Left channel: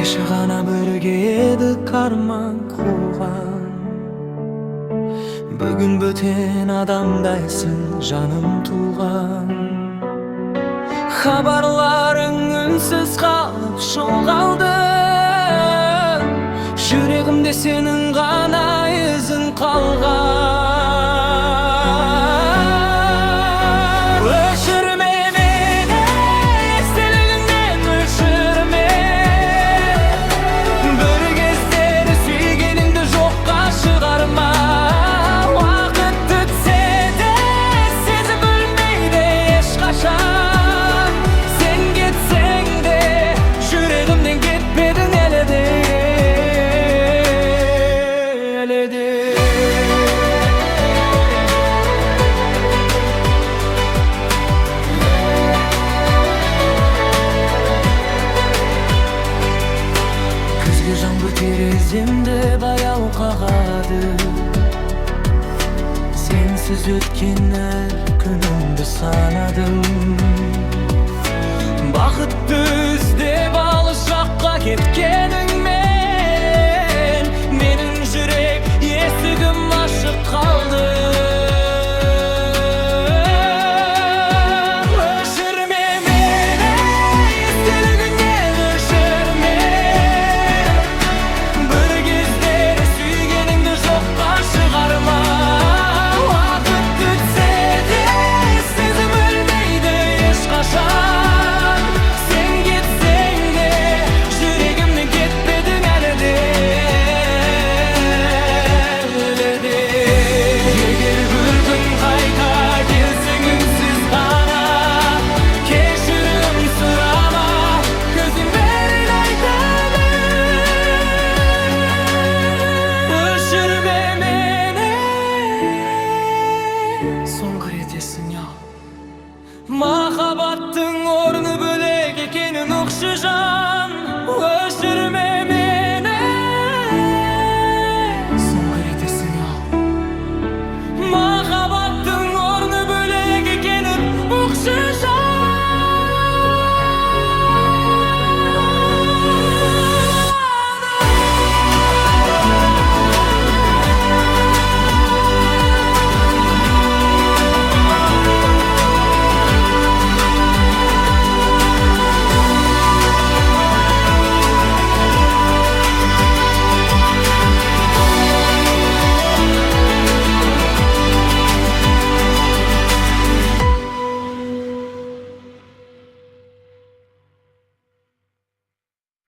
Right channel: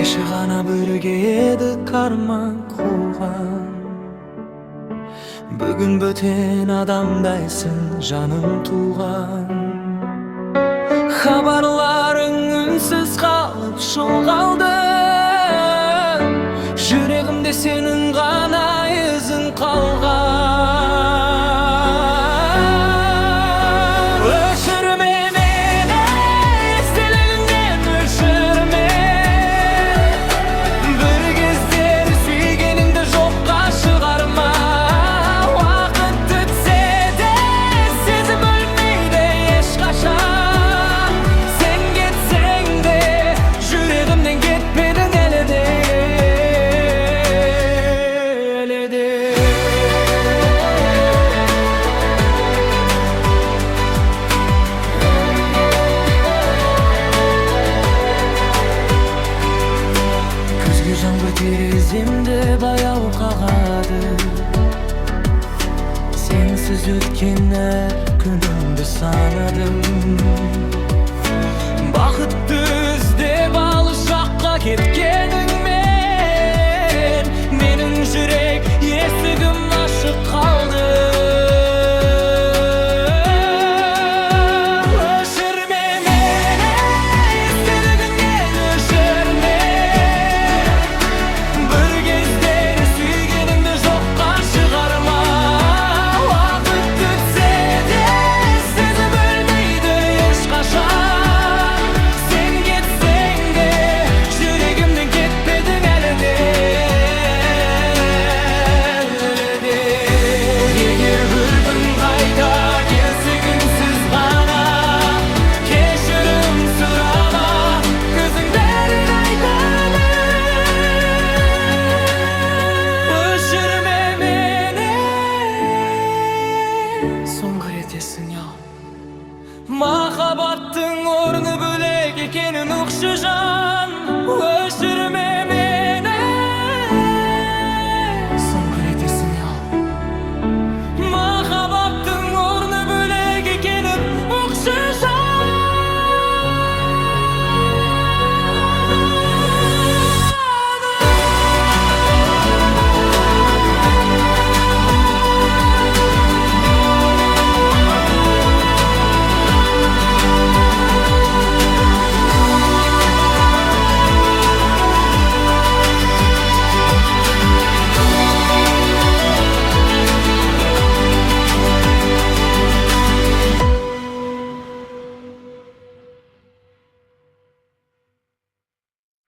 Кеше гана бирге эдик арман кууган. Бүгүн бөтен адамдайсың жаным тууган. Хабарларың үнсүз калып шогалды. Жүрегимде сенин гана изиң калган. Өчүрмө мени, эстелигиңден өчүрмө. Бир кездер сүйгениңди жокка чыгарма. Убакыт өтсө да сезим өлмөйдү эч качан. Сен кетсең да жүрөгүмдөн кетпедиң эле де. Күзгү жаңбыр тереземде баяу кагады. Сенсиз өткөн әр күнүмдү санадым. Бакытты издеп алыс жакка кеткениңмен менин жүрек эсигим ачык калды. Өчүрмө мени, эстелигиңден өчүрмө. Бир кездер сүйгениңди жокка чыгарма. Убакыт өтсө да сезим өлмөйдү эч качан. Сен кетсең да жүрөгүмдөн кетпедиң эле де. Эгер бир күн кайта келсең үнсүз гана кечирим сурама, көзүң бәрин айтады. Өчүрмө мени, соңку рет эсиңе ал. Махаббаттың орны бөлек экенин укчу жан. Өчүрмө мени, соңку рет эсиңе ал.